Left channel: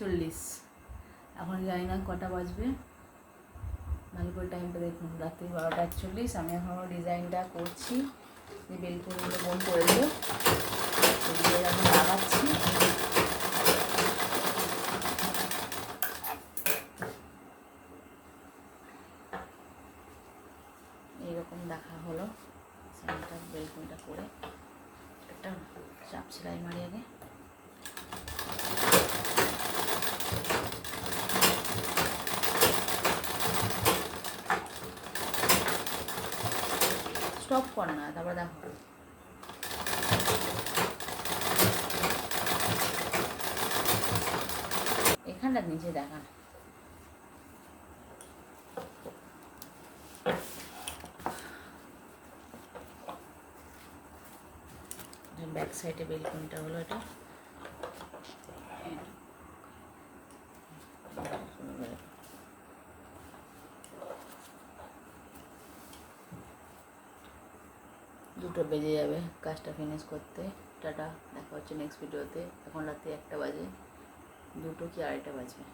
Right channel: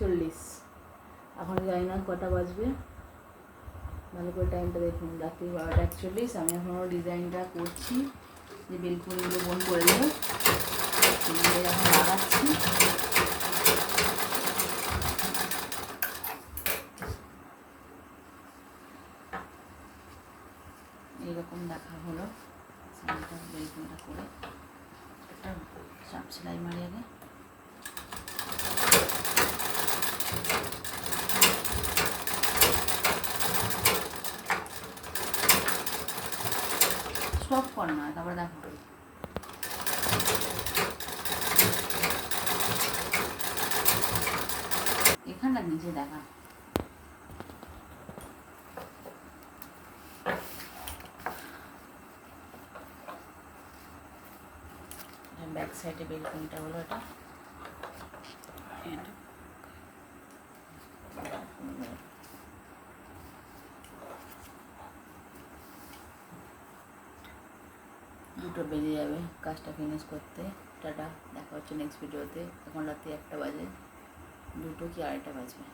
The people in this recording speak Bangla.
40। এখন জানি না কটা বাজবে, ভালো করে টাইমটা দেখুন, রাত্রি 12:41। আমি এখনও ডিজাইনটা করছি, যে বেলকুনিগুলো বোন করে দিল সেগুলো এখন লাগাচ্ছি। এইরকম দেখা হলো সেন্টার বেলকুনিটা করে। একটা চাপ সেলাই মারি আগে। স্টপ কর না, তারপরে দেখো এখানটা নিচে দেখা। ব্যাক সাইডে বেলকুনিটা হলো এটা। দুটো বেজে যাবে কাজটা ফিনিশ করতে। টাটা, দেখা হচ্ছে নেক্সট ভিডিওতে। এখন রাত্রি 1টা বাজে, 2টো কি 2:30 বাজবে।